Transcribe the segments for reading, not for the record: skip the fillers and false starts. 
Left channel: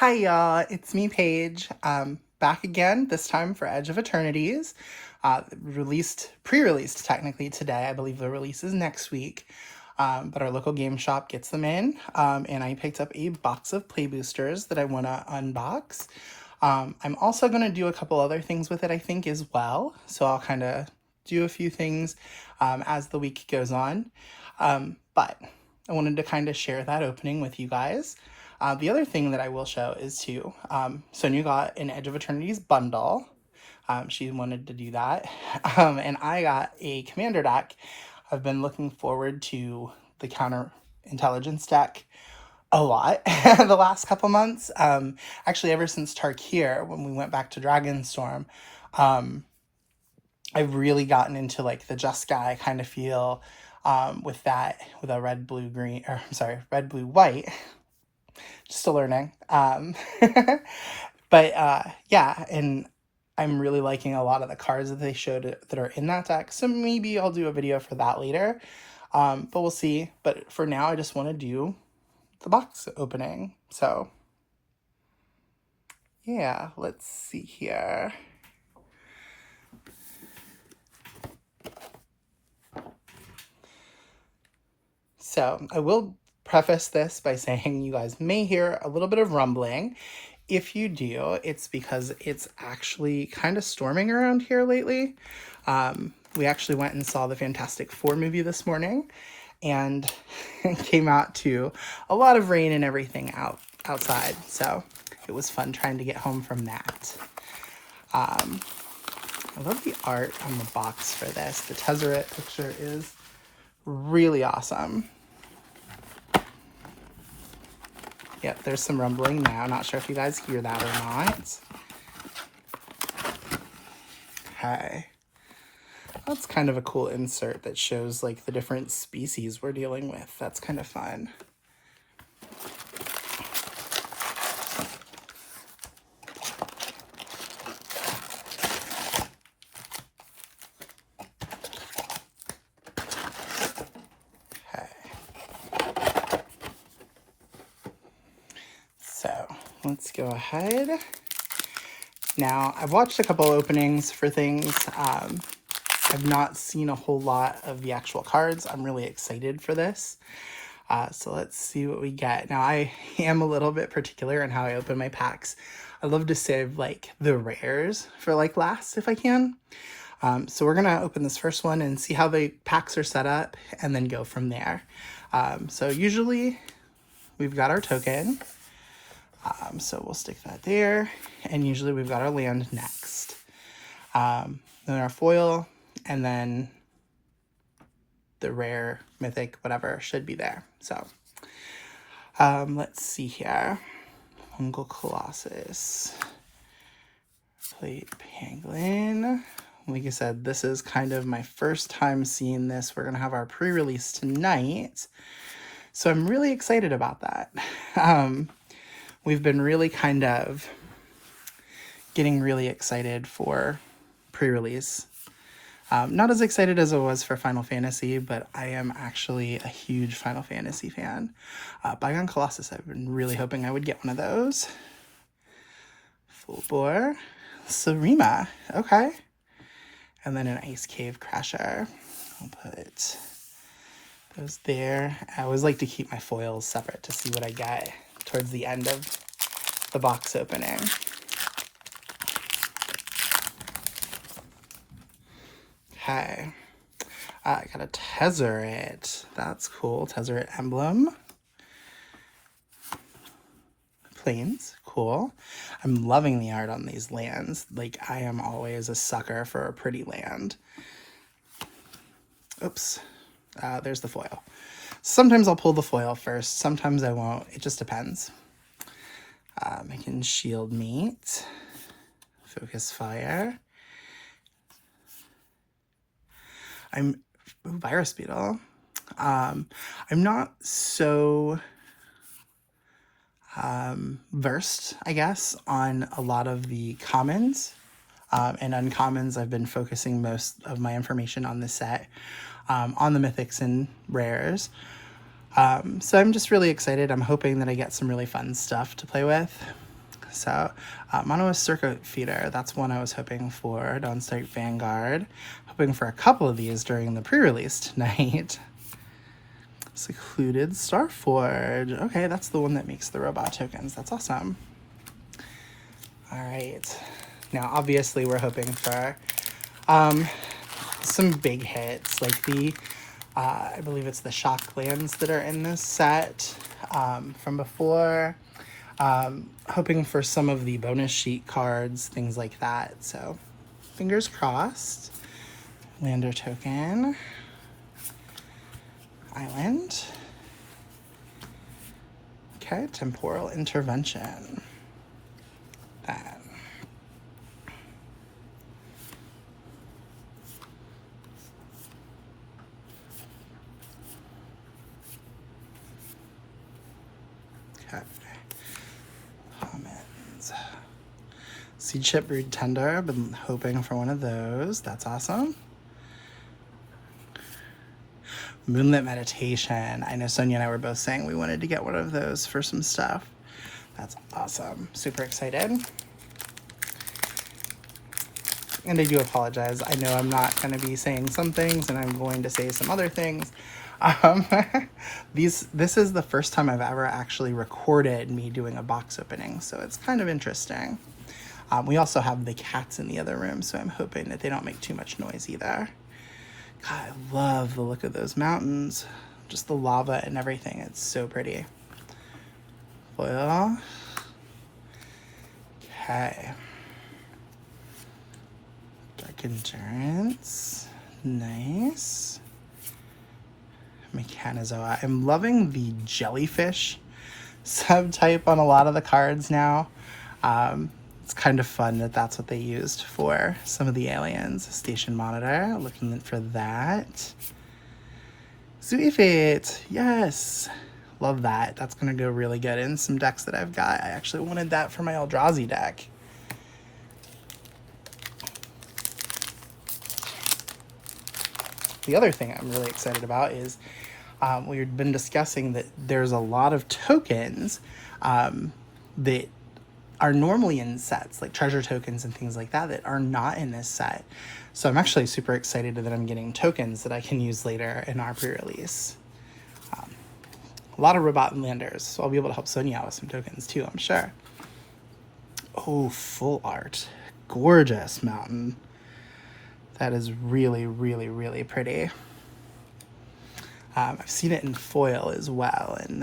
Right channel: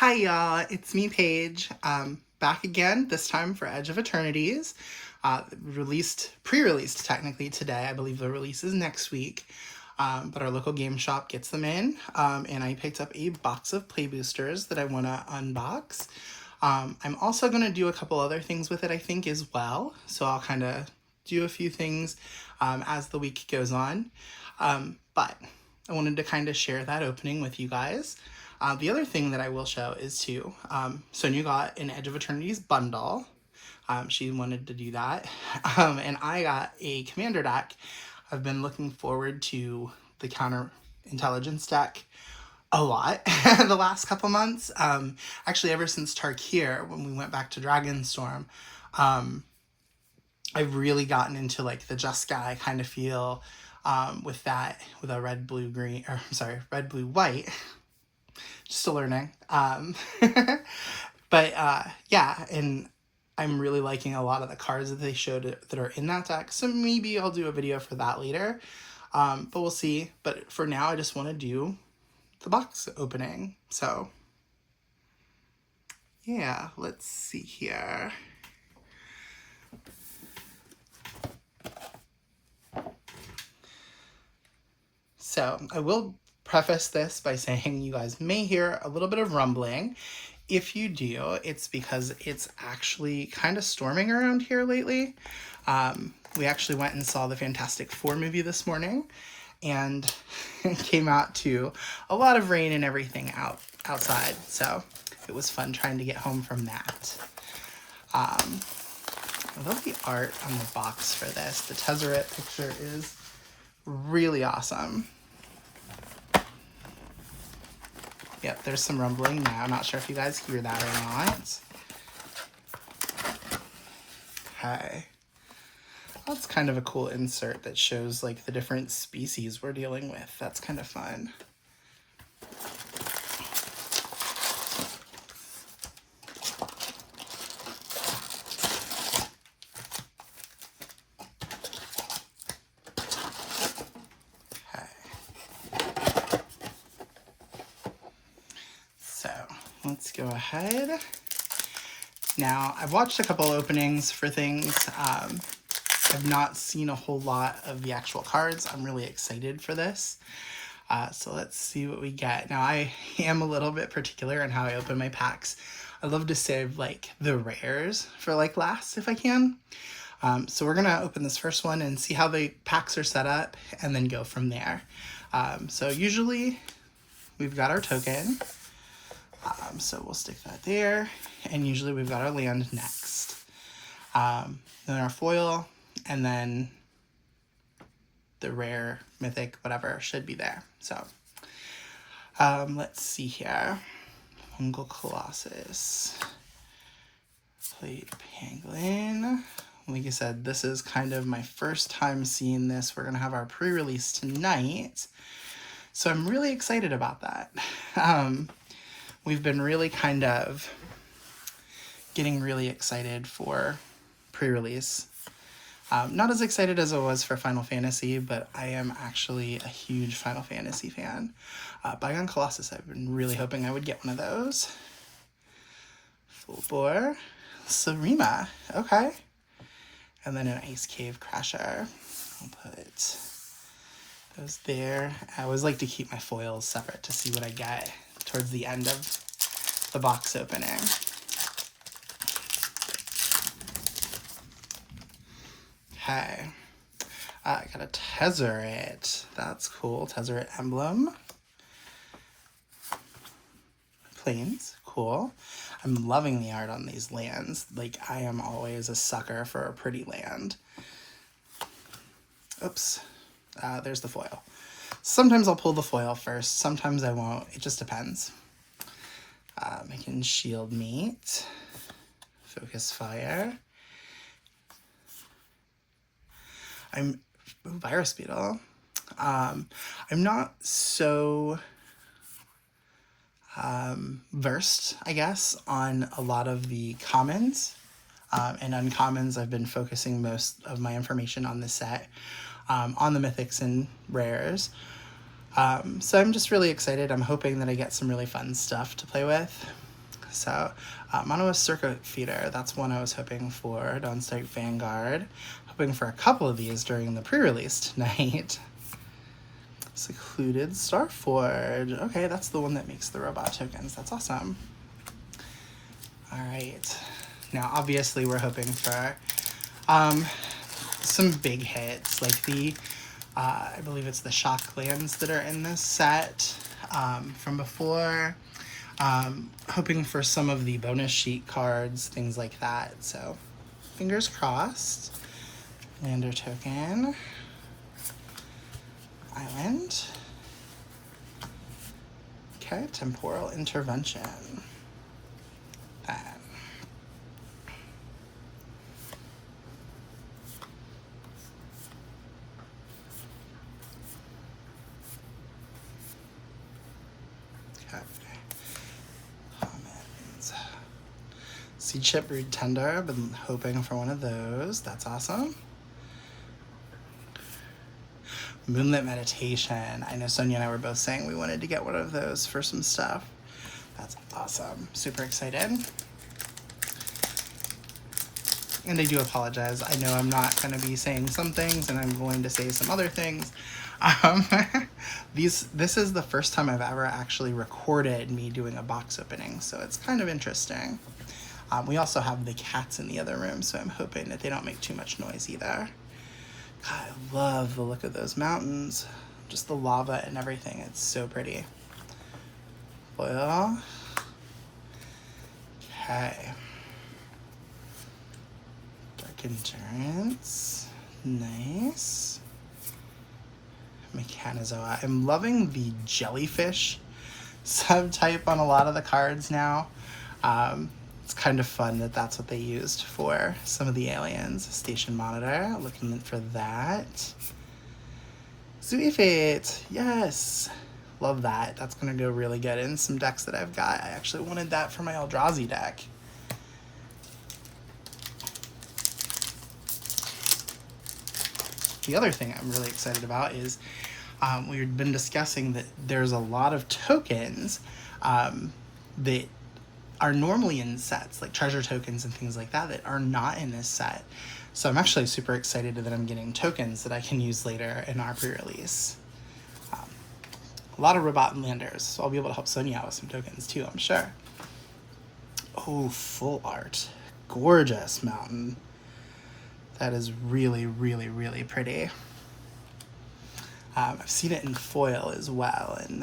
Hi y'all, it's me Paige, back again, this time for Edge of Eternities. Pre-released technically today. I believe the release is next week, but our local game shop gets them in, and I picked up a box of play boosters that I want to unbox. I'm also going to do a couple other things with it, I think, as well, so I'll kind of do a few things as the week goes on, but I wanted to kind of share that opening with you guys. The other thing that I will show is too, Sonia got an Edge of Eternities bundle. She wanted to do that. And I got a commander deck. I've been looking forward to the counter intelligence deck a lot the last couple months. Actually, ever since Tarkir, when we went back to Dragonstorm, I've really gotten into like the Jeskai kind of feel with a red, blue, green, or I'm sorry, red, blue, white. Still learning. But yeah, and I'm really liking a lot of the cards that they showed that are in that deck. So maybe I'll do a video for that later. But we'll see. But for now, I just want to do the box opening. So yeah, let's see here. So I will preface this by saying you guys may hear a little bit of rumbling. If you do, it's because it's actually kind of storming around here lately. We actually went and saw the Fantastic Four movie this morning, and it came out to a lot of rain and everything outside. So it was fun trying to get home from that. I love the art on the box for this. The Tezzeret picture is really awesome. Yep, there's some rumbling now. I'm not sure if you guys hear that or not. Okay. That's kind of a cool insert that shows like the different species we're dealing with. That's kind of fun. Let's go ahead. Now, I've watched a couple openings for things. I've not seen a whole lot of the actual cards. I'm really excited for this. So let's see what we get. Now, I am a little bit particular in how I open my packs. I love to save like the rares for like last if I can. So we're gonna open this first one and see how the packs are set up and then go from there. So usually we've got our token. So we'll stick that there, and usually we've got our land next. Then our foil, and then the rare, mythic, whatever should be there. So let's see here. Fungal Colossus. Plate Pangolin. Like I said, this is kind of my first time seeing this. We're going to have our pre-release tonight. So I'm really excited about that. We've been really kind of getting really excited for pre-release. Not as excited as I was for Final Fantasy, but I am actually a huge Final Fantasy fan. Bygone Colossus, I've been really hoping I would get one of those. Full Bore. Sarima, okay. And then an Ice Cave Crasher. I'll put those there. I always like to keep my foils separate to see what I get towards the end of the box opening. Okay. I got a Tezzeret. That's cool. Tezzeret emblem. Plains. Cool. I'm loving the art on these lands. Like, I am always a sucker for a pretty land. Oops. There's the foil. Sometimes I'll pull the foil first. Sometimes I won't. It just depends. Making Shield Meat. Focus Fire. Virus Beetle. I'm not so versed, I guess, on a lot of the commons and uncommons. I've been focusing most of my information on this set, on the mythics and rares. So I'm just really excited. I'm hoping that I get some really fun stuff to play with. So, Mono Circuit Feeder, that's one I was hoping for. Dawnstar Vanguard. Hoping for a couple of these during the pre-release tonight. Secluded Starforge. Okay, that's the one that makes the robot tokens. That's awesome. Alright. Now, obviously, we're hoping for some big hits, like the, I believe it's the shock lands that are in this set from before. Hoping for some of the bonus sheet cards, things like that. So, fingers crossed. Lander token. Island. Okay, temporal intervention. That. Okay. Commons. Seed Chip Brood Tender. I've been hoping for one of those. That's awesome. Moonlit Meditation. I know Sonia and I were both saying we wanted to get one of those for some stuff. That's awesome. Super excited. And I do apologize. I know I'm not going to be saying some things and I'm going to say some other things. This is the first time I've ever actually recorded me doing a box opening, so it's kind of interesting. We also have the cats in the other room, so I'm hoping that they don't make too much noise either. God, I love the look of those mountains. Just the lava and everything. It's so pretty. Well, okay. Dark Endurance. Nice. Mechanizoa. I'm loving the jellyfish subtype on a lot of the cards now. It's kind of fun that that's what they used for some of the aliens. Station Monitor, looking for that. Zooey Fate, yes. Love that. That's going to go really good in some decks that I've got. I actually wanted that for my Eldrazi deck. The other thing I'm really excited about is we've been discussing that there's a lot of tokens that are normally in sets, like treasure tokens and things like that are not in this set. So I'm actually super excited that I'm getting tokens that I can use later in our pre-release. A lot of robot and landers, so I'll be able to help Sonia out with some tokens too, I'm sure. Oh, full art. Gorgeous mountain. That is really, really, really pretty. I've seen it in foil as well, and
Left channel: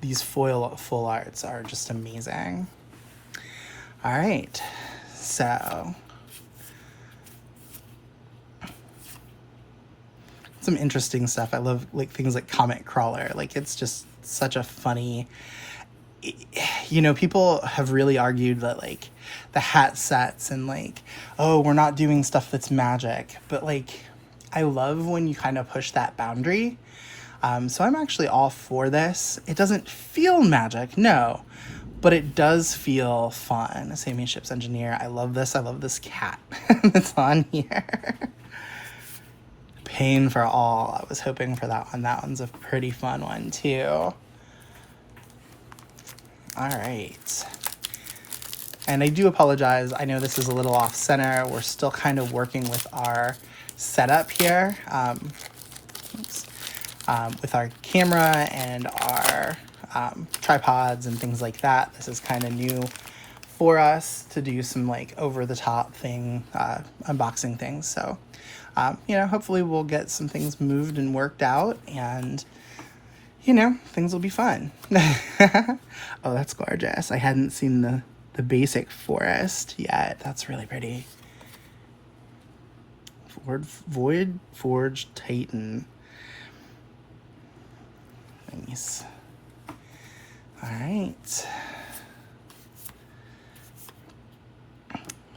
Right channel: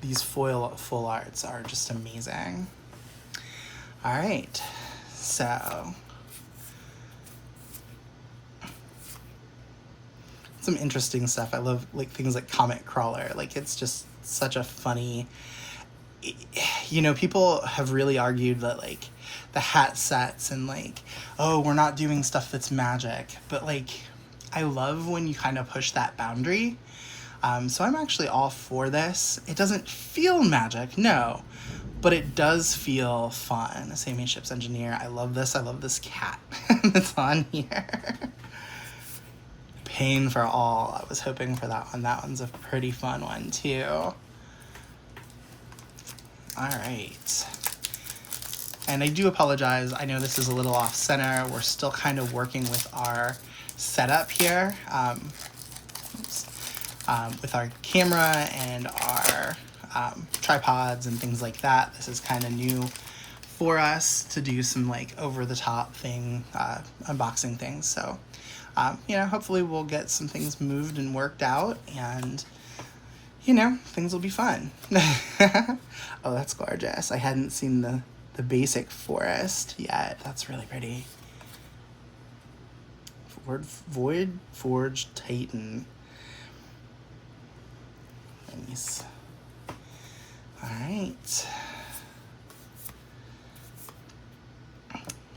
these foil full arts are just amazing. All right, so some interesting stuff. I love like things like Comet Crawler. Like it's just such a funny. You know, people have really argued that like the hat sets and like, oh, we're not doing stuff that's magic, but like I love when you kind of push that boundary. So I'm actually all for this. It doesn't feel magic, no, but it does feel fun. Same Ship's Engineer. I love this. I love this cat that's on here. Pain for All. I was hoping for that one. That one's a pretty fun one too. All right. And I do apologize. I know this is a little off center. We're still kind of working with our setup here. With our camera and our tripods and things like that. This is kind of new for us to do some like over-the-top thing, unboxing things. So, you know, hopefully we'll get some things moved and worked out and, you know, things will be fun. Oh, that's gorgeous. I hadn't seen the basic forest yet. That's really pretty. Void Forge Titan. Nice. All right.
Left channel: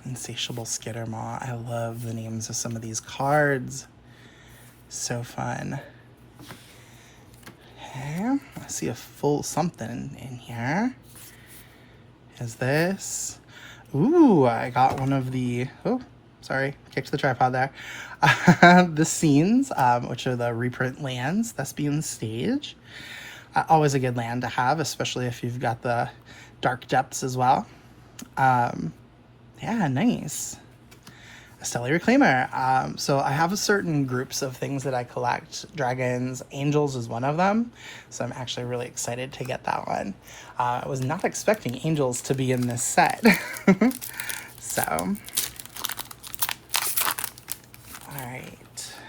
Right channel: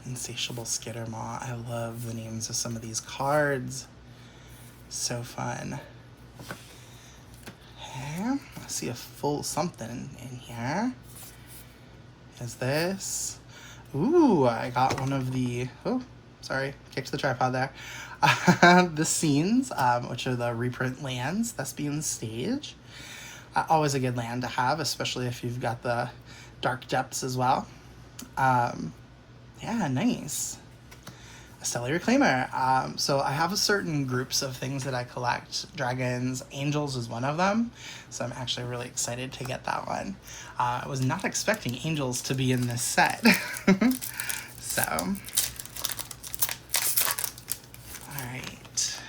Insatiable Skittermaw. I love the names of some of these cards. So fun. Okay. I see a full something in here. Is this? Ooh, I got one of the... Oh, sorry. Kicked the tripod there. The scenes, which are the reprint lands. Thespian Stage. Always a good land to have, especially if you've got the Dark Depths as well. Yeah, nice. A Stellar Reclaimer. So I have certain groups of things that I collect. Dragons, Angels is one of them. So I'm actually really excited to get that one. I was not expecting Angels to be in this set. So, alright.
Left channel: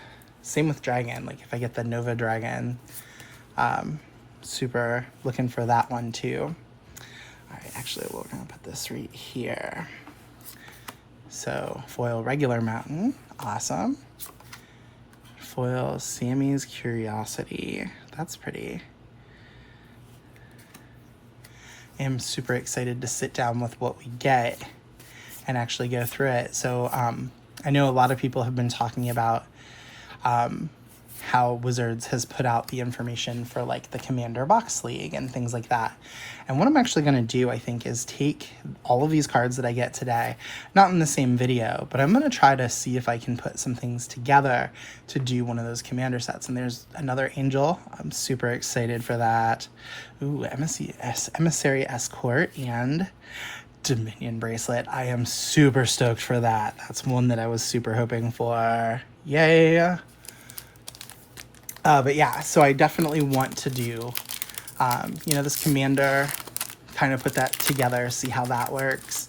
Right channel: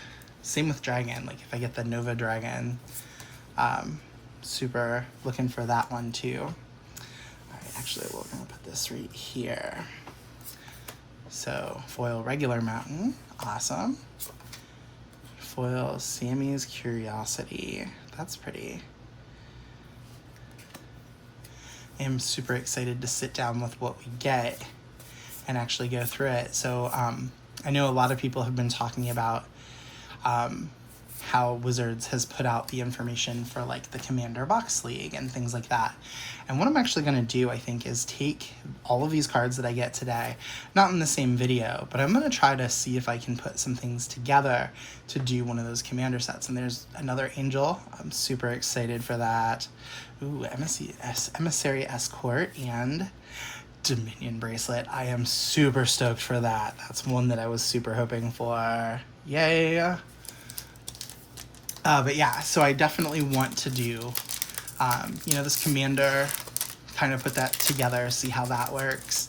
Same with Dragon. Like if I get the Nova Dragon, super looking for that one too. Alright, actually we're going to put this right here. So, foil Regular Mountain, awesome. Foil Sammy's Curiosity, that's pretty. I'm super excited to sit down with what we get and actually go through it. So, I know a lot of people have been talking about how Wizards has put out the information for like the Commander Box League and things like that. And what I'm actually going to do, I think, is take all of these cards that I get today, not in the same video, but I'm going to try to see if I can put some things together to do one of those Commander sets. And there's another Angel. I'm super excited for that. Ooh, Emissary Escort and Dominion Bracelet. I am super stoked for that. That's one that I was super hoping for. Yay! But yeah, so I definitely want to do, this Commander, kind of put that together, see how that works.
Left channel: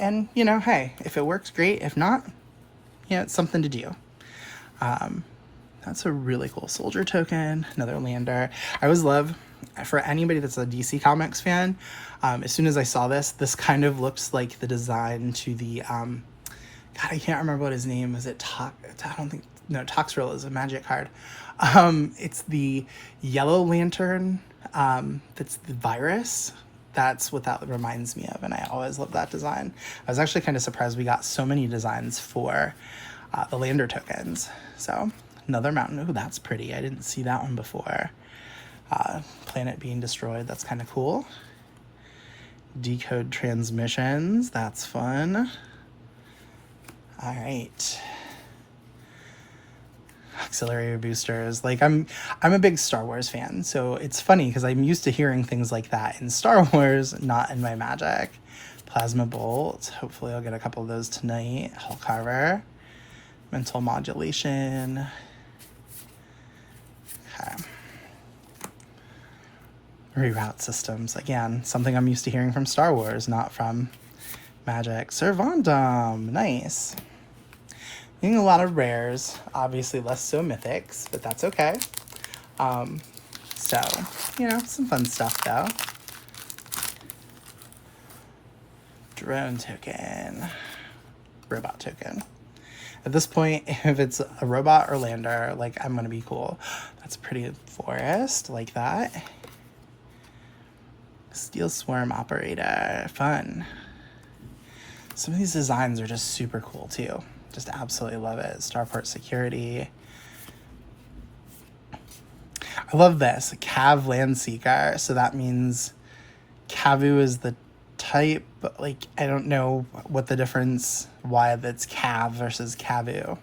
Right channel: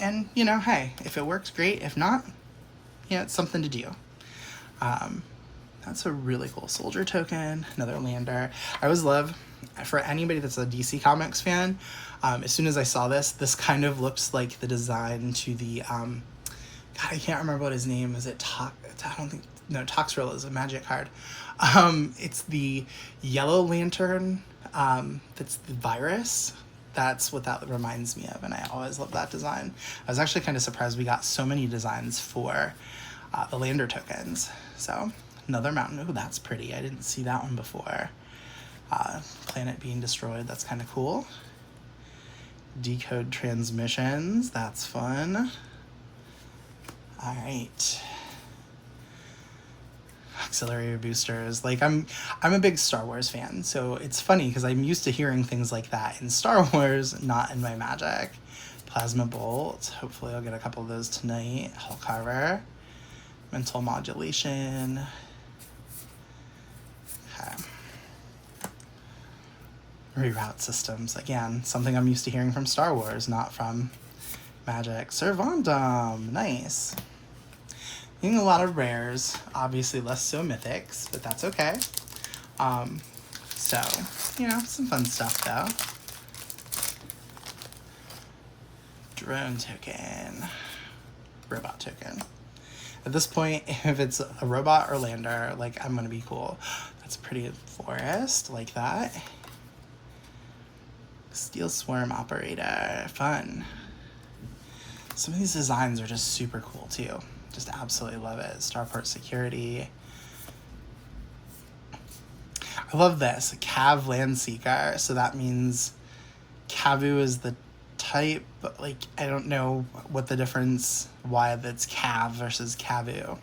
And, hey, if it works, great. If not, it's something to do. That's a really cool Soldier token, another Lander. I always love, for anybody that's a DC Comics fan, as soon as I saw this kind of looks like the design to the, God, I can't remember what his name is. Toxrill is a Magic card. It's the Yellow Lantern, that's the virus. That's what that reminds me of, and I always love that design. I was actually kind of surprised we got so many designs for the Lander tokens. So, another mountain. Oh, that's pretty. I didn't see that one before. Planet being destroyed. That's kind of cool. Decode transmissions. That's fun. All right. Auxiliary boosters. Like I'm a big Star Wars fan, so it's funny because I'm used to hearing things like that in Star Wars, not in my Magic. Plasma Bolt. Hopefully I'll get a couple of those tonight. Hull Carver. Mental Modulation. Okay. Reroute systems. Again, something I'm used to hearing from Star Wars, not from Magic. Servandom. Nice. Getting a lot of rares, obviously less so mythics, but that's okay. So, some fun stuff though. Drone token. Robot token. At this point, if it's a robot or lander, like, I'm gonna be cool. That's a pretty forest, like that. Steel Swarm Operator, fun. Some of these designs are just super cool too. Just absolutely love it. Starport Security. I love this. Cav Landseeker. So that means Cavu is the type, but like I don't know what the difference, why that's Cav versus Cavu.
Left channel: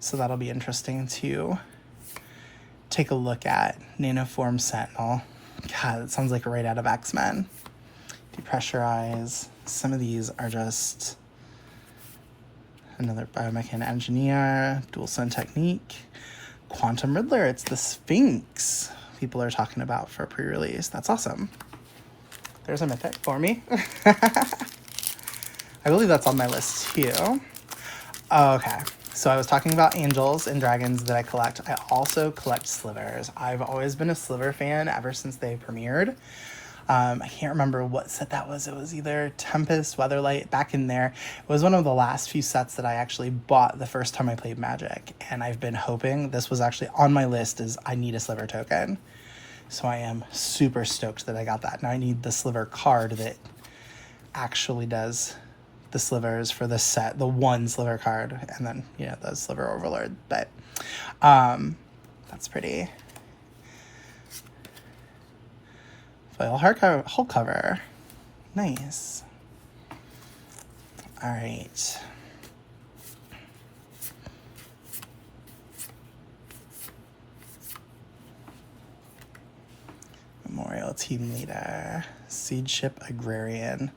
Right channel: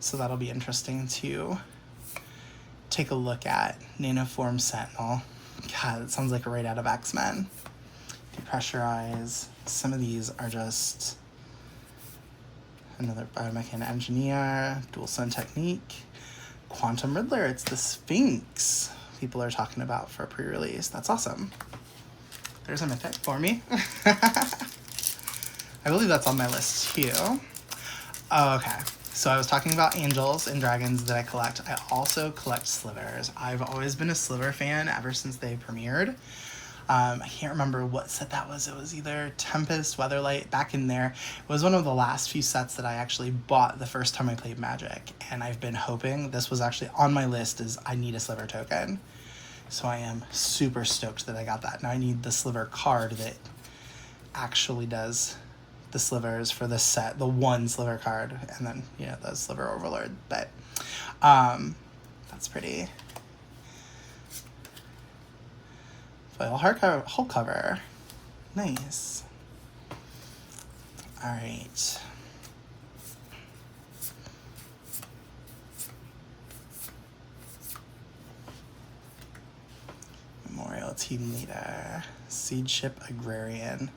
So that'll be interesting to take a look at. Nanoform Sentinel. God, it sounds like right out of X-Men. Depressurize. Some of these are just another Biomechan Engineer, Dual Sun Technique, Quantum Riddler, it's the Sphinx people are talking about for pre-release. That's awesome. There's a mythic for me. I believe that's on my list too. Oh, okay, so I was talking about angels and dragons that I collect. I also collect slivers. I've always been a sliver fan ever since they premiered. I can't remember what set that was. It was either Tempest, Weatherlight, back in there. It was one of the last few sets that I actually bought the first time I played Magic. And I've been hoping, this was actually on my list, is I need a Sliver token. So I am super stoked that I got that. Now I need the Sliver card that actually does the slivers for this set. The one Sliver card. And then, the Sliver Overlord. But, that's pretty. Foil hull cover. Nice. Alright. Memorial Team Leader. Seed Ship Agrarian.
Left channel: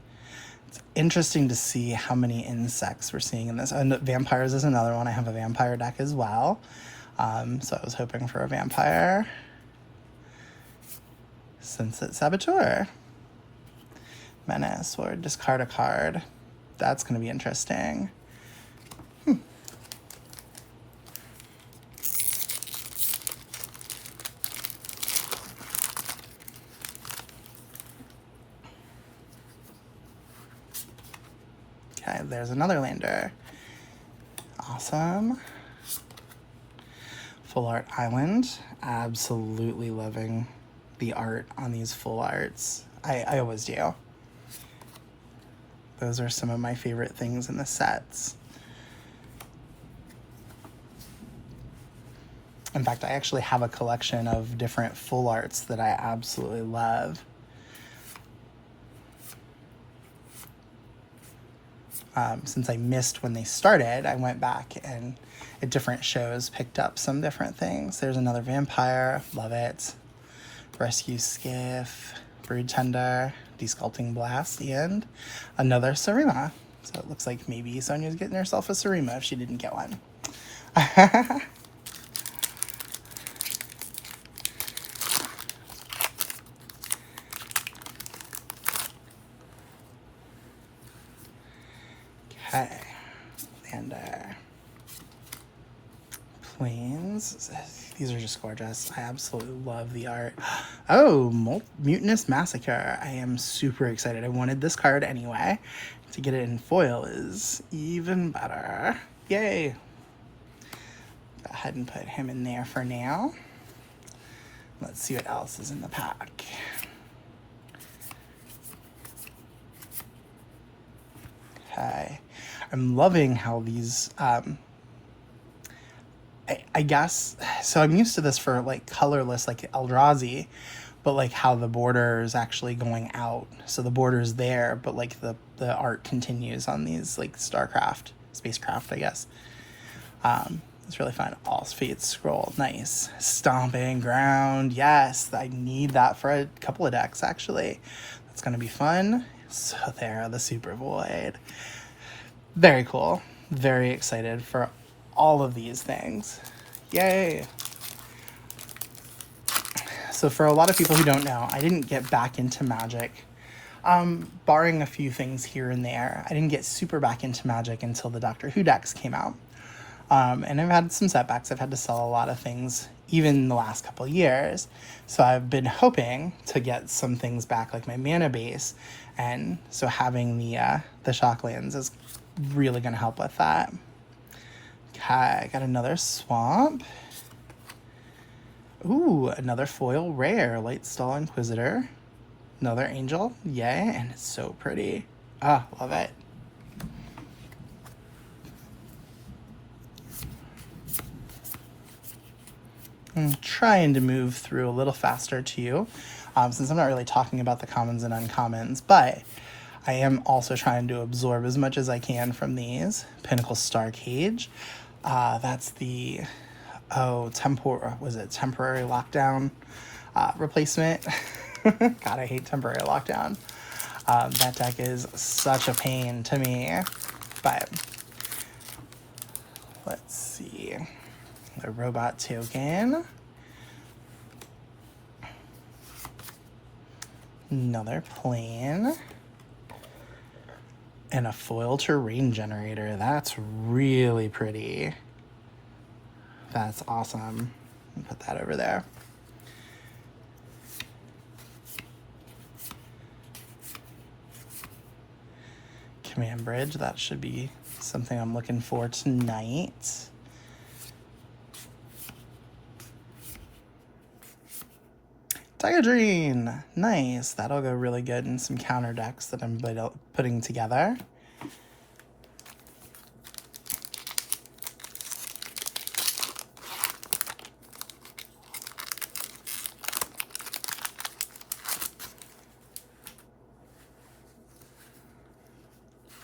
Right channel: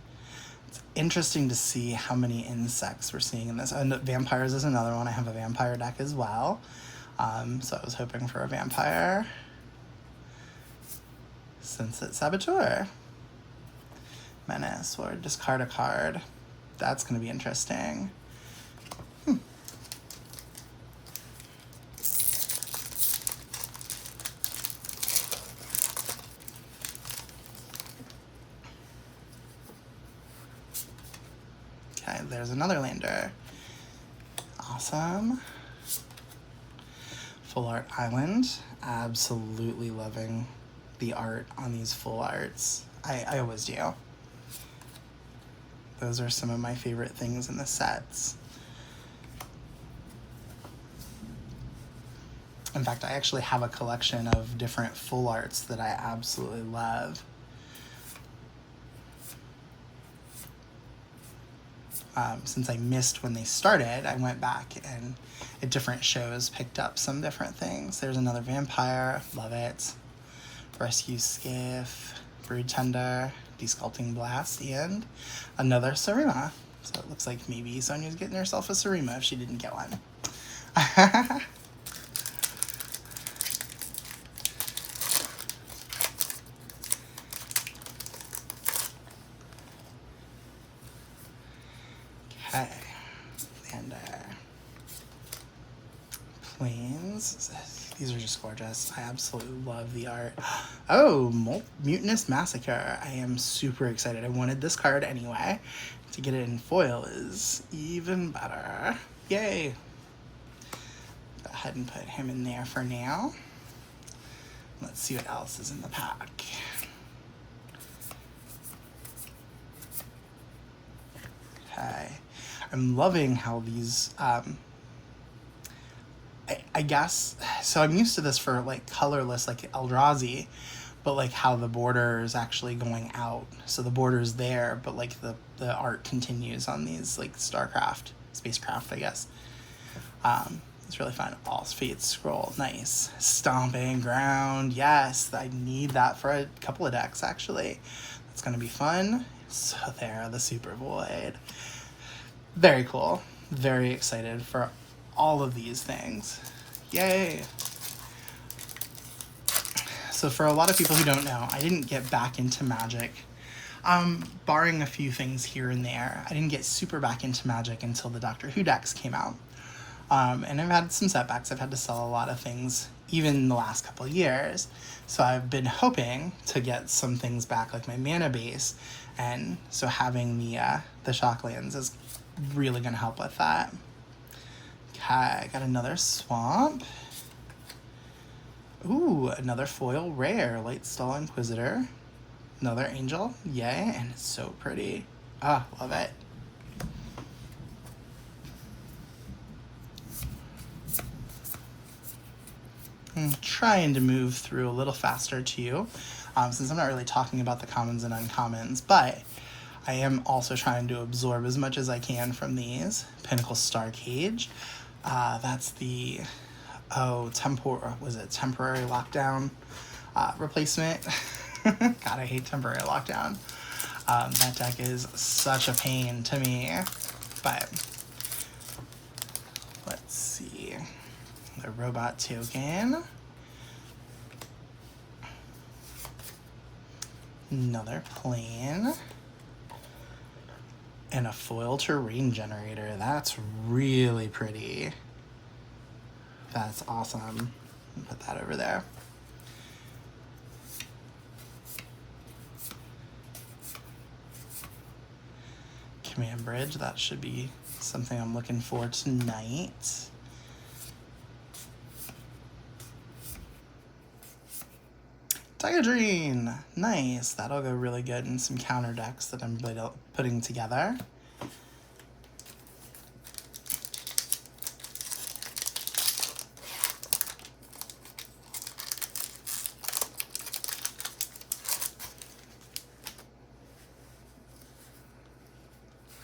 It's interesting to see how many insects we're seeing in this. And vampires is another one. I have a vampire deck as well. So I was hoping for a vampire. Sunset Saboteur. Menace, or discard a card. That's going to be interesting. Okay, there's another lander. Awesome. Full Art Island. Absolutely loving the art on these full arts. I always do. Those are some of my favorite things in the sets. In fact, I actually have a collection of different full arts that I absolutely love. Since I missed when they started, I went back and at different shows picked up some different things. There's another vampire, love it. Rescue Skiff, Brood Tender, Desculpting Blast, and another Sarima. So it looks like maybe Sonia's getting herself a Sarima if she didn't get one. Okay, Lander. Plains. These are just gorgeous. I absolutely love the art. Oh, Mutinous Massacre. I am super excited. I wanted this card anyway. To get it in foil is even better. Yay. Go ahead and put him in there for now. Let's see what else is in the pack. Okay. I'm loving how these... I guess, so I'm used to this for like colorless, like Eldrazi, but like how the border is actually going out. So the border is there, but like the art continues on these like StarCraft, Spacecraft, I guess. It's really fun. All's Fate Scroll, nice. Stomping Ground, yes, I need that for a couple of decks actually. That's gonna be fun. So there, the Super Void. Very cool. Very excited for all of these things. Yay. So for a lot of people who don't know, I didn't get back into Magic. Barring a few things here and there, I didn't get super back into Magic until the Doctor Who decks came out. And I've had some setbacks. I've had to sell a lot of things, even in the last couple of years. So I've been hoping to get some things back, like my mana base. And so having the Shocklands is really going to help with that. Okay, got another Swamp. Ooh, another foil rare, Lightstall Inquisitor. Another Angel, yay, and it's so pretty. Ah, love it. I'm trying to move through a little faster too, since I'm not really talking about the commons and uncommons, but I am also trying to absorb as much as I can from these. Pinnacle Star Cage. That's the temporary lockdown replacement. God, I hate temporary lockdown. That deck is such a pain to me. But let's see. The robot token. Another plane. And a foil terrain generator. That's really pretty. That's awesome. Put that over there. Command Bridge, that should be something I'm looking for tonight. Tigadrine, nice. That'll go really good in some counter decks that I'm putting together.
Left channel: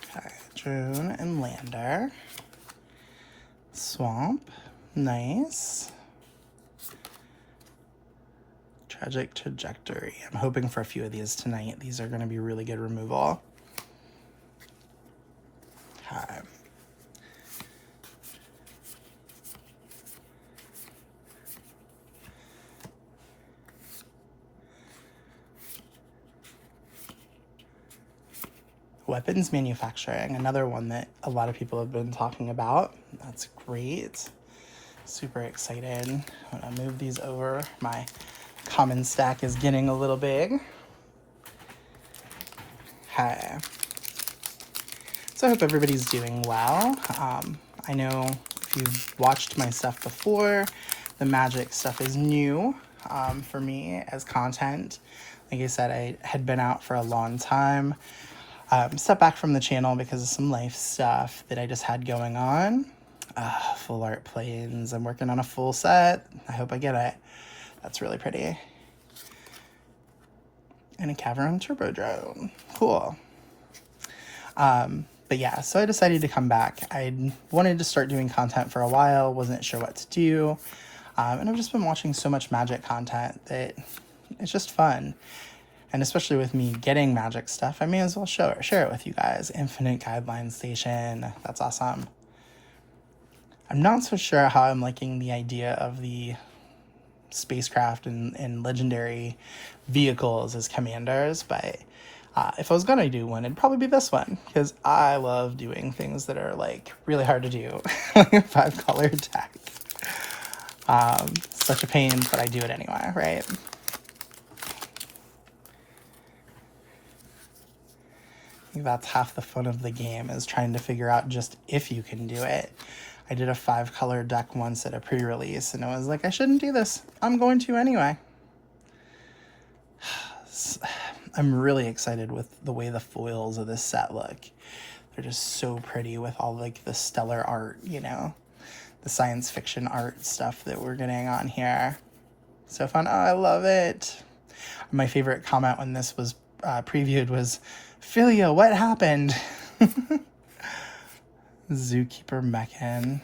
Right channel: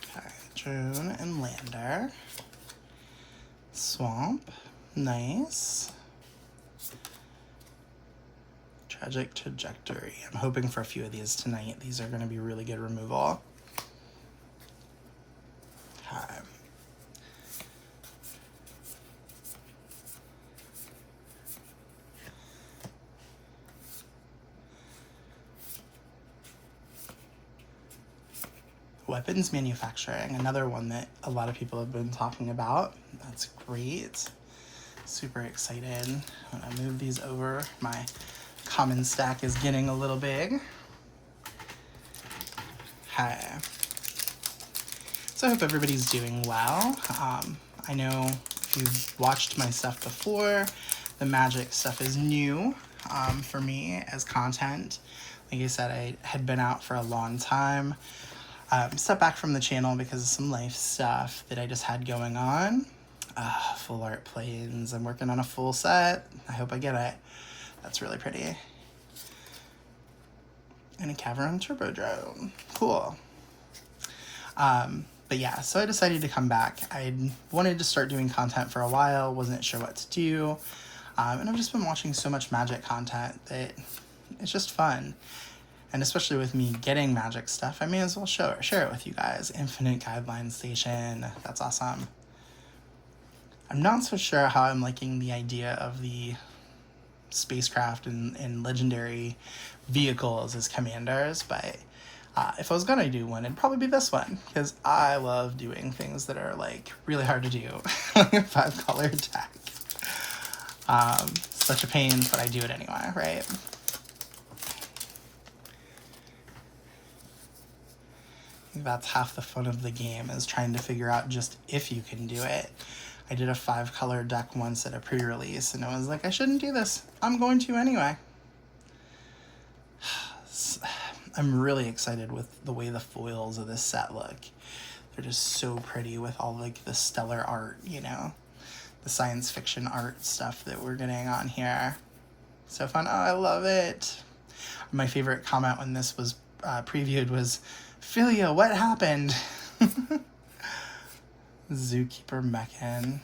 Okay, Drone and Lander. Swamp, nice. Tragic Trajectory. I'm hoping for a few of these tonight. These are going to be really good removal. Okay. Weapons manufacturing, another one that a lot of people have been talking about. That's great. Super excited. I'm gonna move these over. My common stack is getting a little big. Hi. So I hope everybody's doing well. I know if you've watched my stuff before, the magic stuff is new for me as content. Like I said, I had been out for a long time. Stepped back from the channel because of some life stuff that I just had going on. Full art planes. I'm working on a full set. I hope I get it. That's really pretty. And a Cavern Turbo Drone. Cool. But yeah, so I decided to come back. I wanted to start doing content for a while, wasn't sure what to do. And I've just been watching so much magic content that it's just fun. And especially with me getting magic stuff, I may as well share it with you guys. Infinite Guideline Station, that's awesome. I'm not so sure how I'm liking the idea of the spacecraft and legendary vehicles as commanders, but if I was gonna do one, it'd probably be this one, because I love doing things that are like really hard to do. 5-color deck. Such a pain, but I do it anyway, right? That's half the fun of the game, is trying to figure out just if you can do it. I did a 5-color deck once at a pre-release, and I was like, I shouldn't do this. I'm going to anyway. I'm really excited with the way the foils of this set look. They're just so pretty with all like the stellar art, you know, the science fiction art stuff that we're getting on here. So fun. Oh, I love it. My favorite comment when this was previewed was, Philia, what happened? Zookeeper Mechan.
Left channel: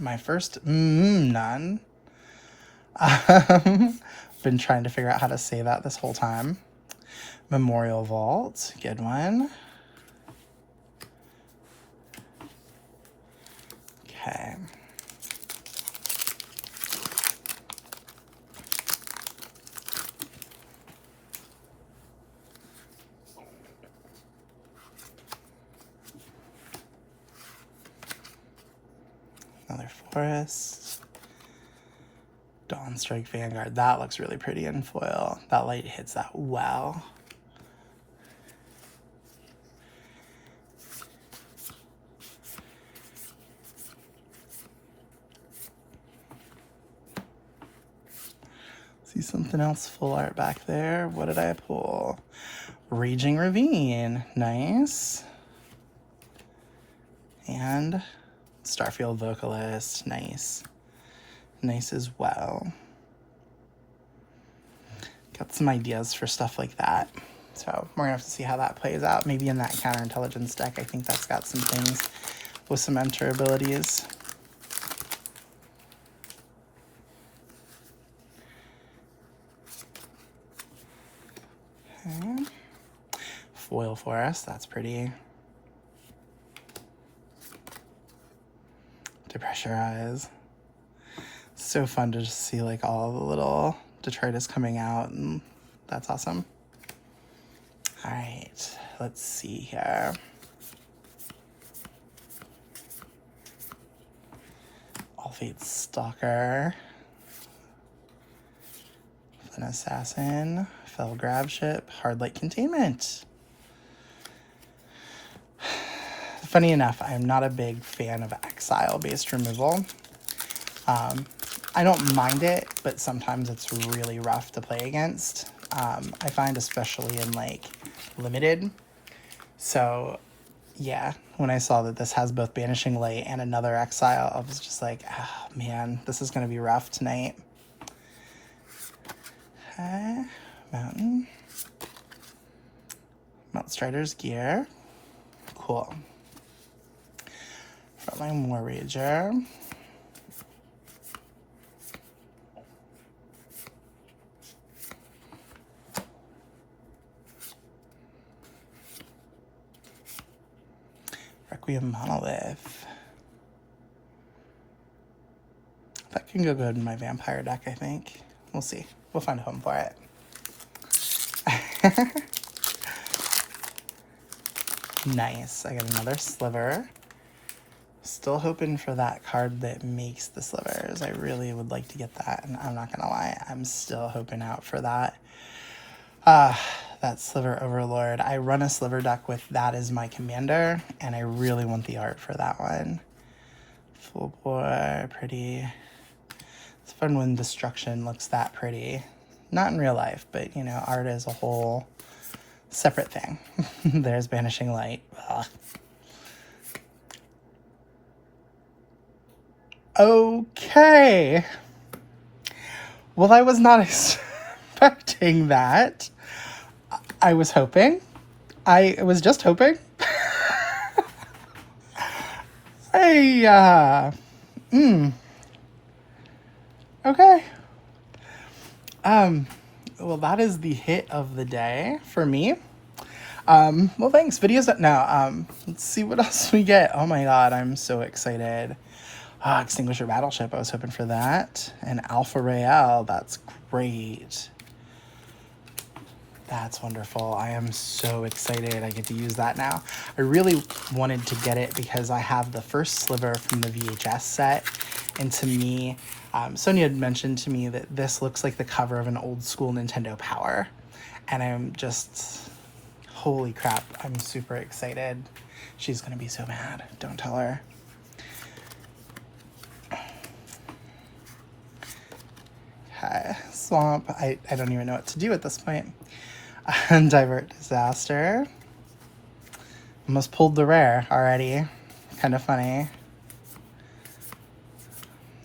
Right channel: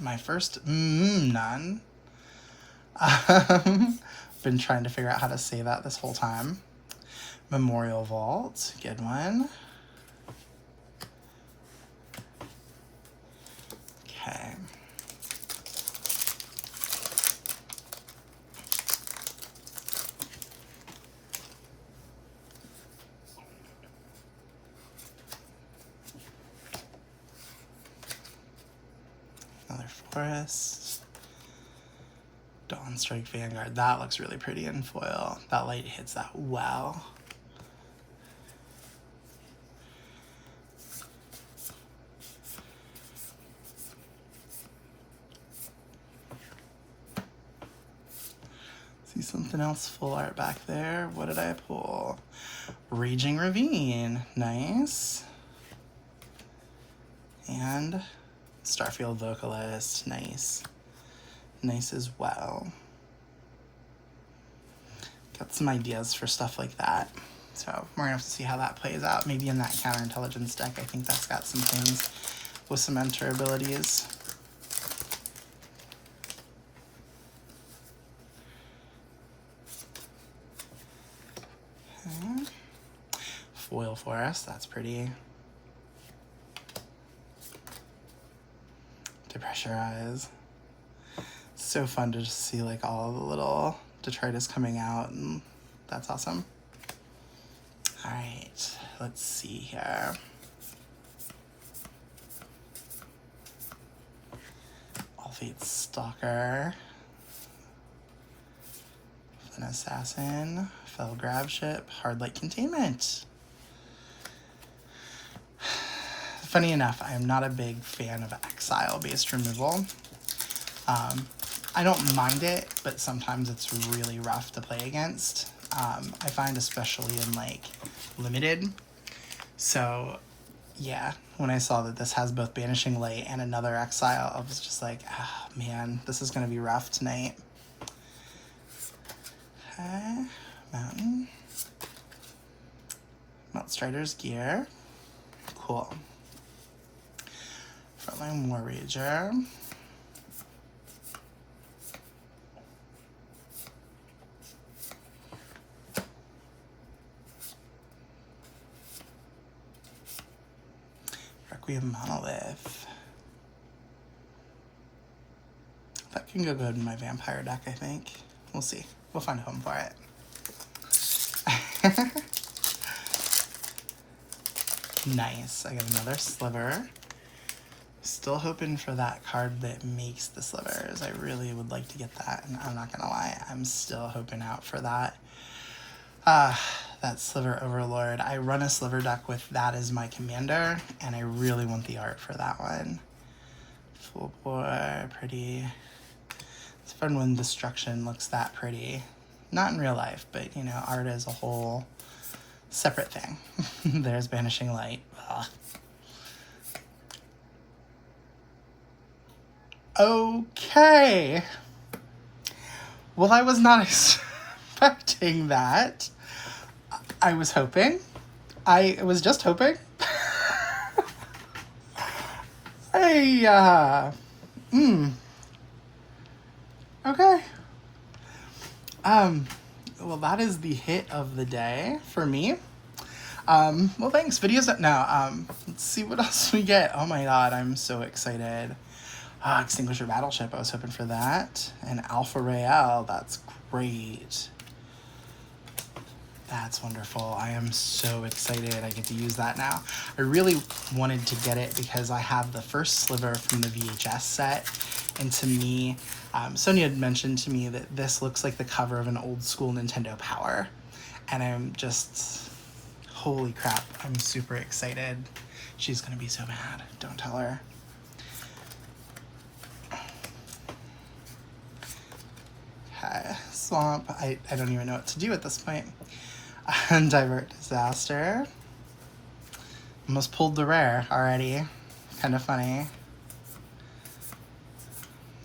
My first none. Been trying to figure out how to say that this whole time. Memorial Vault, good one. Okay. Another forest. Dawnstrike Vanguard. That looks really pretty in foil. That light hits that well. See something else full art back there. What did I pull? Raging Ravine. Nice. And Starfield Vocalist. Nice. Nice as well. Got some ideas for stuff like that. So we're gonna have to see how that plays out. Maybe in that counterintelligence deck, I think that's got some things with some enter abilities. Okay. Foil Forest, that's pretty. Depressurize. So fun to just see like all the little detritus coming out, and that's awesome. All right, let's see here. All Fate Stalker, an Assassin, Fell Grab Ship, Hard Light Containment. Funny enough, I'm not a big fan of exile-based removal. I don't mind it, but sometimes it's really rough to play against. I find especially in like limited. So yeah, when I saw that this has both Banishing Light and another exile, I was just like, oh man, this is gonna be rough tonight. Okay, Mountain. Mount Strider's Gear. Cool. Frontline War Rager. Requiem Monolith. That can go good in my vampire deck, I think. We'll see. We'll find a home for it. Nice. I got another sliver. Still hoping for that card that makes the slivers. I really would like to get that, and I'm not gonna lie, I'm still hoping out for that. That Sliver Overlord. I run a sliver deck with that as my commander, and I really want the art for that one. Full bore, pretty. It's fun when destruction looks that pretty. Not in real life, but you know, art is a whole separate thing. There's Banishing Light. Ugh. Okay. Well, I was not expecting that. I was hoping. I was just hoping. Okay. Well, that is the hit of the day for me. Well, thanks. Videos up now. Let's see what else we get. Oh my god, I'm so excited. Extinguisher Battleship, I was hoping for that. And Alpha Royale, that's great. That's wonderful. I am so excited I get to use that now. I really wanted to get it because I have the first sliver from the VHS set. And to me, Sonia had mentioned to me that this looks like the cover of an old school Nintendo Power. And I'm just, holy crap, I'm super excited. She's gonna be so mad. Don't tell her. Okay, Swamp. I don't even know what to do at this point. Divert Disaster. Almost pulled the rare already. Kind of funny.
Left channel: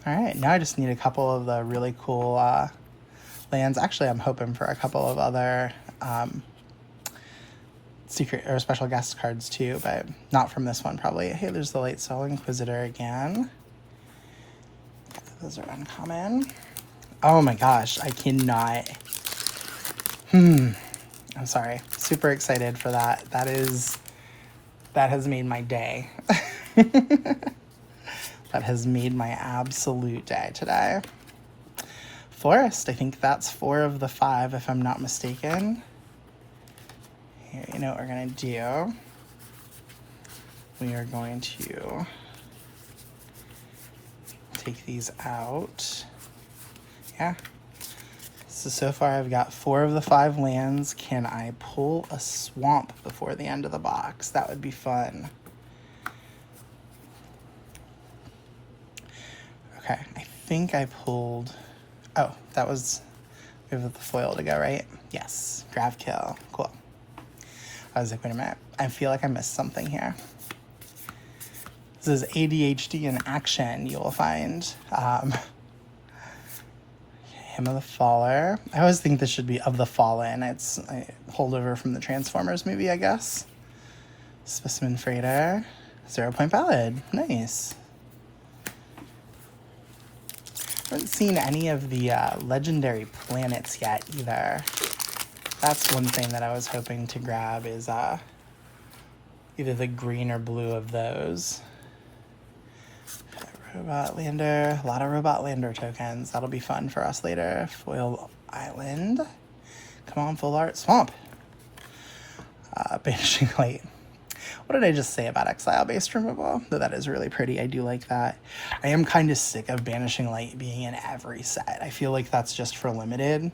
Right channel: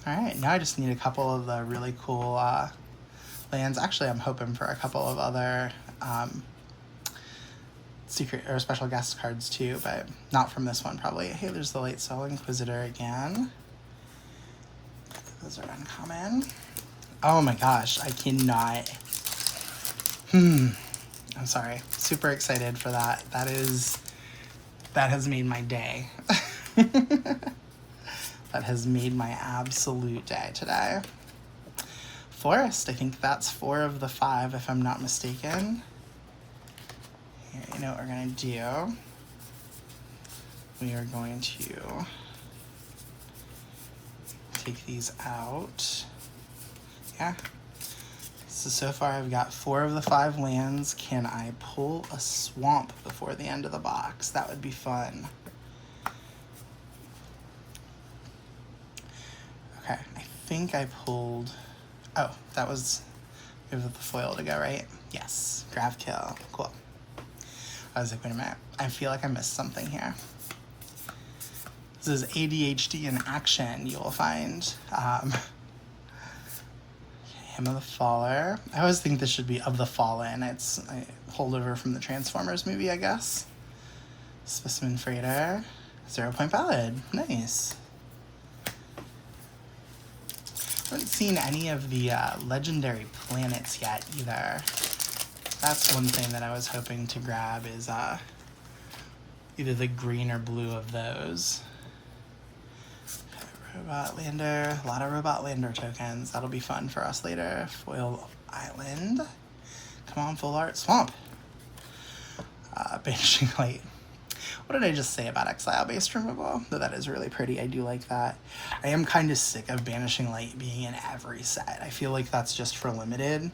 Alright, now I just need a couple of the really cool lands. Actually, I'm hoping for a couple of other secret or special guest cards too, but not from this one probably. Hey, there's the Late Soul Inquisitor again. Those are uncommon. Oh my gosh, I cannot. I'm sorry. Super excited for that. That has made my day. That has made my absolute day today. Forest, I think that's 4 of the 5 if I'm not mistaken. Here, you know what we're gonna do? We are going to take these out. Yeah. So far I've got 4 of the 5 lands. Can I pull a swamp before the end of the box? That would be fun. Okay, I think I pulled... Oh, that was... We have the foil to go, right? Yes. Grav Kill. Cool. I was like, wait a minute. I feel like I missed something here. This is ADHD in action, you will find. Hymn of the Faller. I always think this should be Of the Fallen. It's a holdover from the Transformers movie, I guess. Specimen Freighter. 0 Point Ballad. Nice. Haven't seen any of the legendary planets yet either. That's one thing that I was hoping to grab is either the green or blue of those. Robot Lander, a lot of Robot Lander tokens. That'll be fun for us later. Foil Island. Come on, full art. Swamp. Banishing Light. What did I just say about exile-based removal? That is really pretty. I do like that. I am kind of sick of Banishing Light being in every set. I feel like that's just for limited.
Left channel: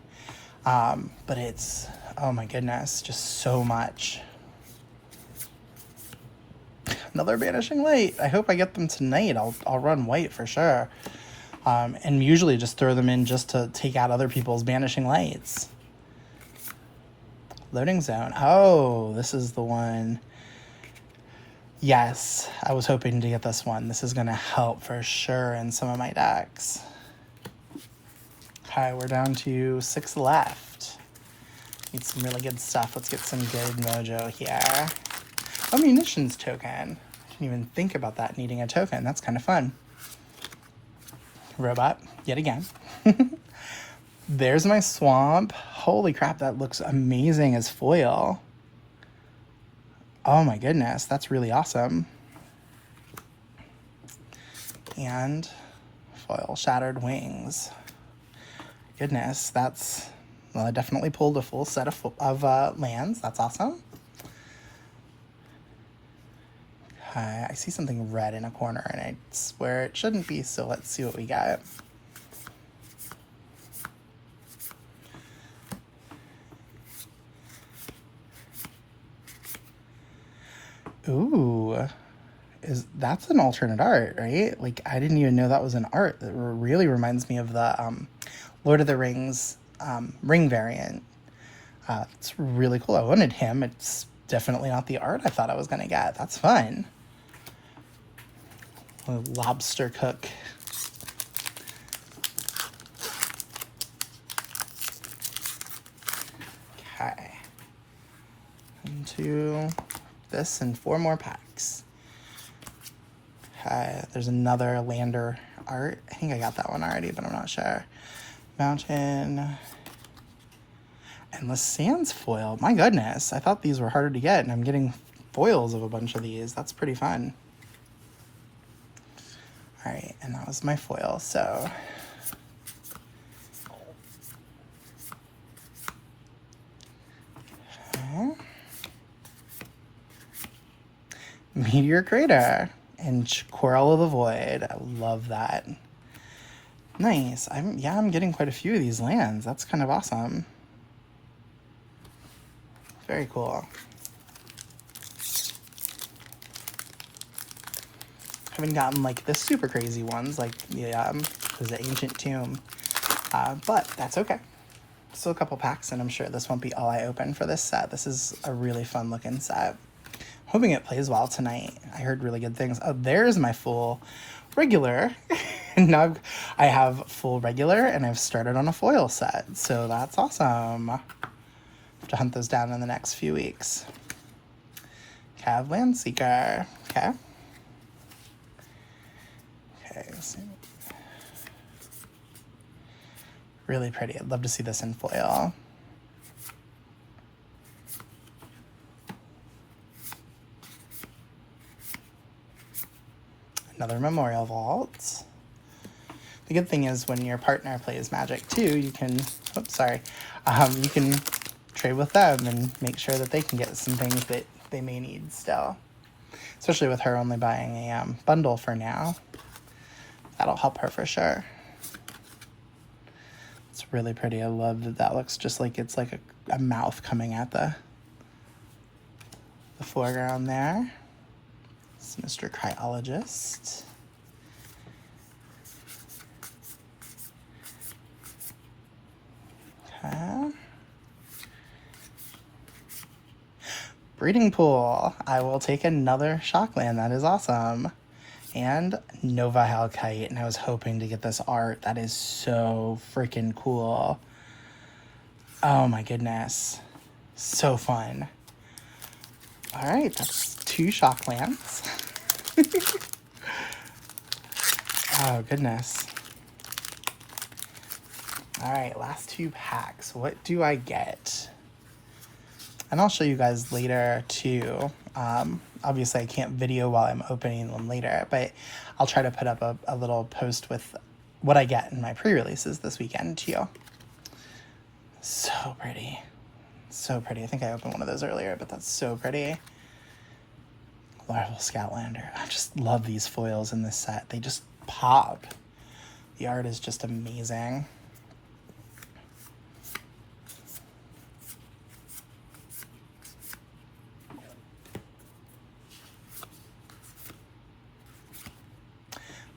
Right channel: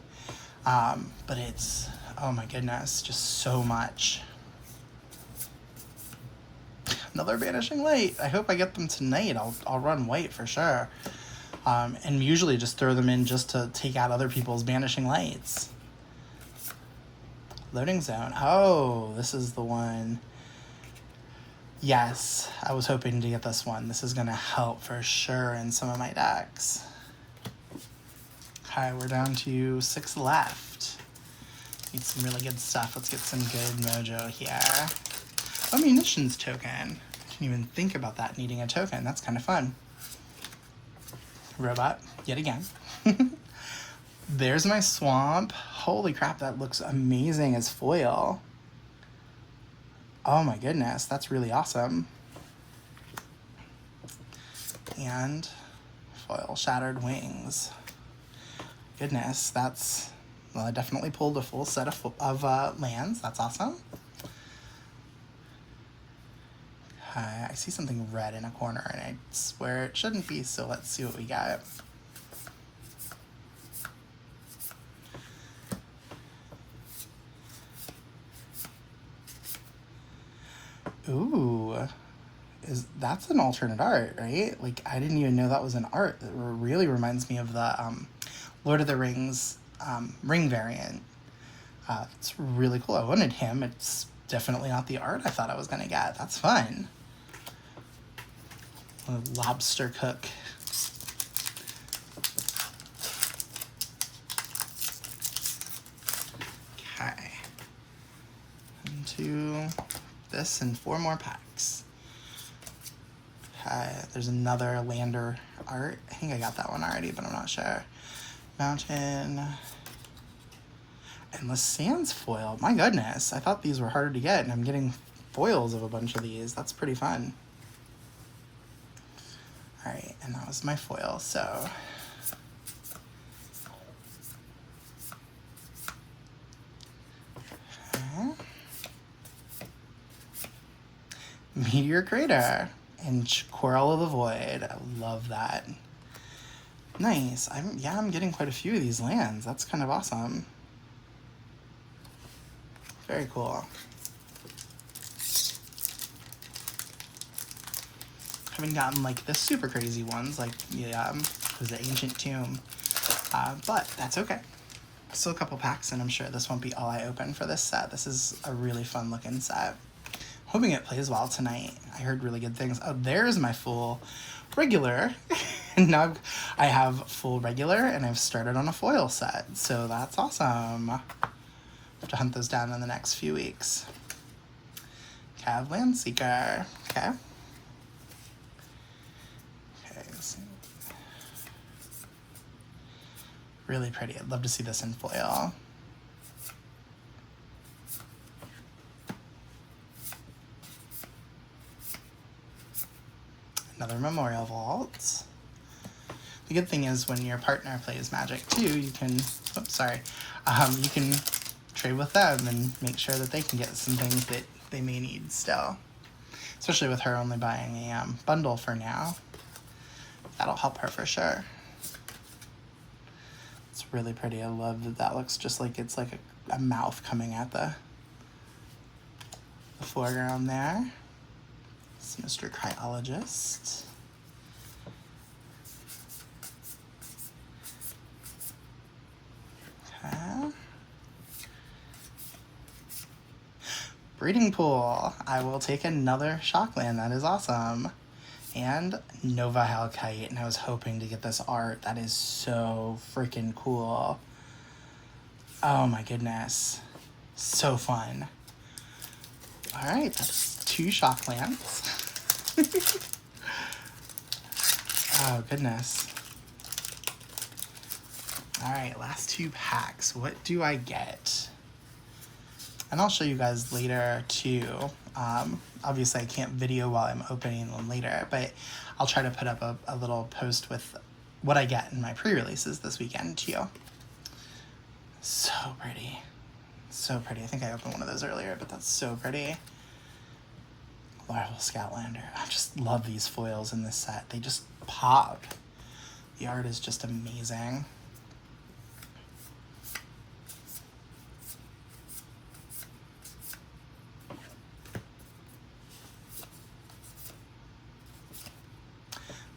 But it's, oh my goodness, just so much. Another Banishing Light. I hope I get them tonight. I'll run white for sure. And usually just throw them in just to take out other people's Banishing Lights. Loading Zone. Oh, this is the one. Yes, I was hoping to get this one. This is going to help for sure in some of my decks. Okay, we're down to 6 left. Need some really good stuff. Let's get some good mojo here. A munitions token. I didn't even think about that needing a token. That's kind of fun. Robot, yet again. There's my swamp. Holy crap, that looks amazing as foil. Oh my goodness, that's really awesome. And foil Shattered Wings. Goodness, that's... Well, I definitely pulled a full set of lands. That's awesome. I see something red in a corner, and I swear it shouldn't be, so let's see what we got. Ooh, that's an alternate art, right? Like, I didn't even know that was an art. That really reminds me of the Lord of the Rings ring variant. It's really cool. I wanted him. It's definitely not the art I thought I was going to get. That's fun. A lobster cook. Okay. Into this and 4 more packs. Okay, there's another Lander art. I think I got that one already, but I'm not sure. Mountain. Endless Sands foil. My goodness, I thought these were harder to get, and I'm getting foils of a bunch of these. That's pretty fun. Alright, and that was my foil, so... Okay. Meteor Crater and Coral of the Void. I love that. Nice. I'm getting quite a few of these lands. That's kind of awesome. Very cool. Haven't gotten like the super crazy ones, like the Ancient Tomb, but that's okay. Still a couple packs, and I'm sure this won't be all I open for this set. This is a really fun looking set. Hoping it plays well tonight. I heard really good things. Oh, there's my full regular. Now I have full regular, and I've started on a foil set, so that's awesome. I'll have to hunt those down in the next few weeks. Cav Landseeker. Okay. Really pretty. I'd love to see this in foil. Another Memorial Vault. The good thing is when your partner plays Magic too, you can, you can trade with them and make sure that they can get some things that they may need still. Especially with her only buying a bundle for now. That'll help her for sure. It's really pretty. I love that that looks just like it's like a mouth coming at the foreground there. It's Mr. Cryologist. Okay. Breeding Pool. I will take another Shockland. That is awesome. And Nova Halkite, and I was hoping to get this art. That is so freaking cool. Oh my goodness. So fun. Alright, that's 2 Shocklands. Oh goodness. Alright, last 2 packs. What do I get? And I'll show you guys later too. Obviously I can't video while I'm opening them later, but I'll try to put up a little post with what I get in my pre-releases this weekend too. So pretty. So pretty. I think I opened one of those earlier, but that's so pretty. Larval Scatlander. I just love these foils in this set. They just pop. The art is just amazing.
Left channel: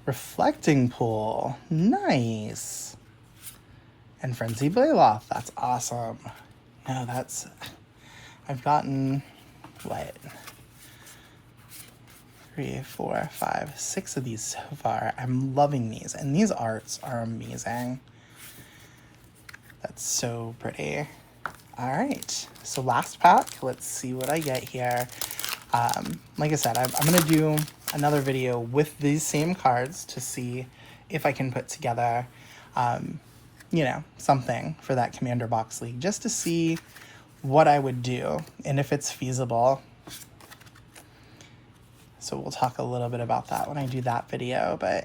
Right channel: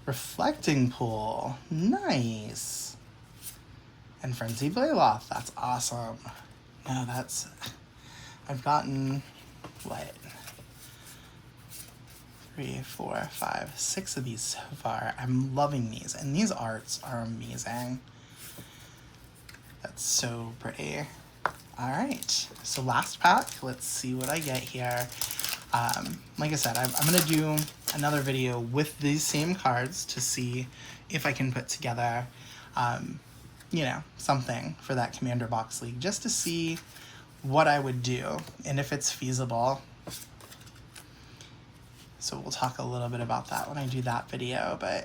Reflecting Pool. Nice. And Frenzy Blayloth. That's awesome. No, that's... I've gotten... what? 3, 4, 5, 6 of these so far. I'm loving these. And these arts are amazing. That's so pretty. Alright. So last pack. Let's see what I get here. Like I said, I'm going to do another video with these same cards to see if I can put together, you know, something for that Commander Box League, just to see what I would do and if it's feasible. So we'll talk a little bit about that when I do that video, but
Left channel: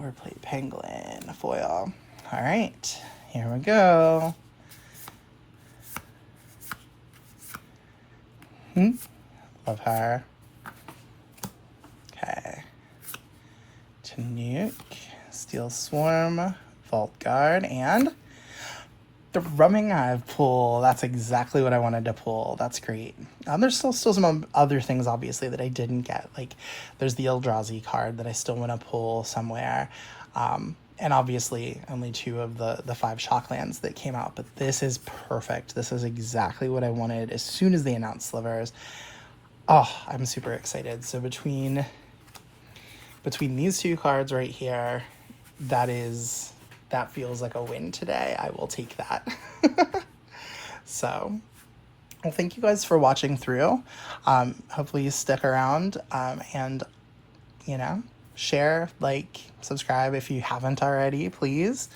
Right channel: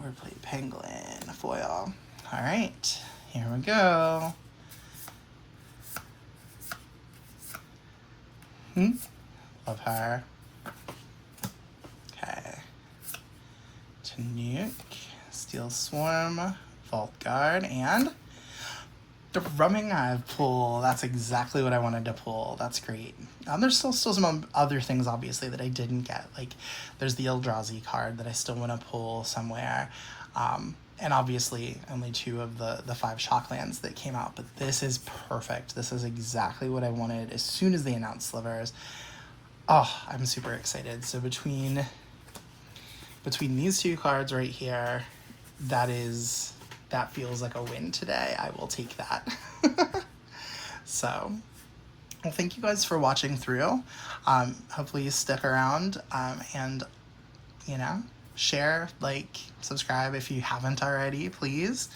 Warplate Penguin foil. All right, here we go. Love her. Okay. Tanuke, Steel Swarm, Vault Guard, and Thrumming Hive pull. That's exactly what I wanted to pull. That's great. There's still some other things, obviously, that I didn't get. Like, there's the Eldrazi card that I still want to pull somewhere. And obviously, only 2 of the 5 Shocklands that came out. But this is perfect. This is exactly what I wanted as soon as they announced Slivers. Oh, I'm super excited. So between these 2 cards right here, that feels like a win today. I will take that. So, well, thank you guys for watching through. Hopefully you stick around, and, share, like, subscribe if you haven't already, please.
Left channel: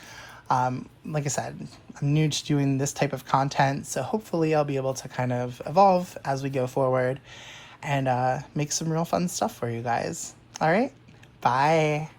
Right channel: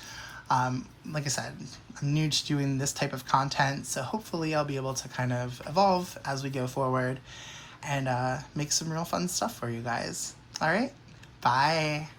Like I said, I'm new to doing this type of content, so hopefully I'll be able to kind of evolve as we go forward and make some real fun stuff for you guys. All right, bye.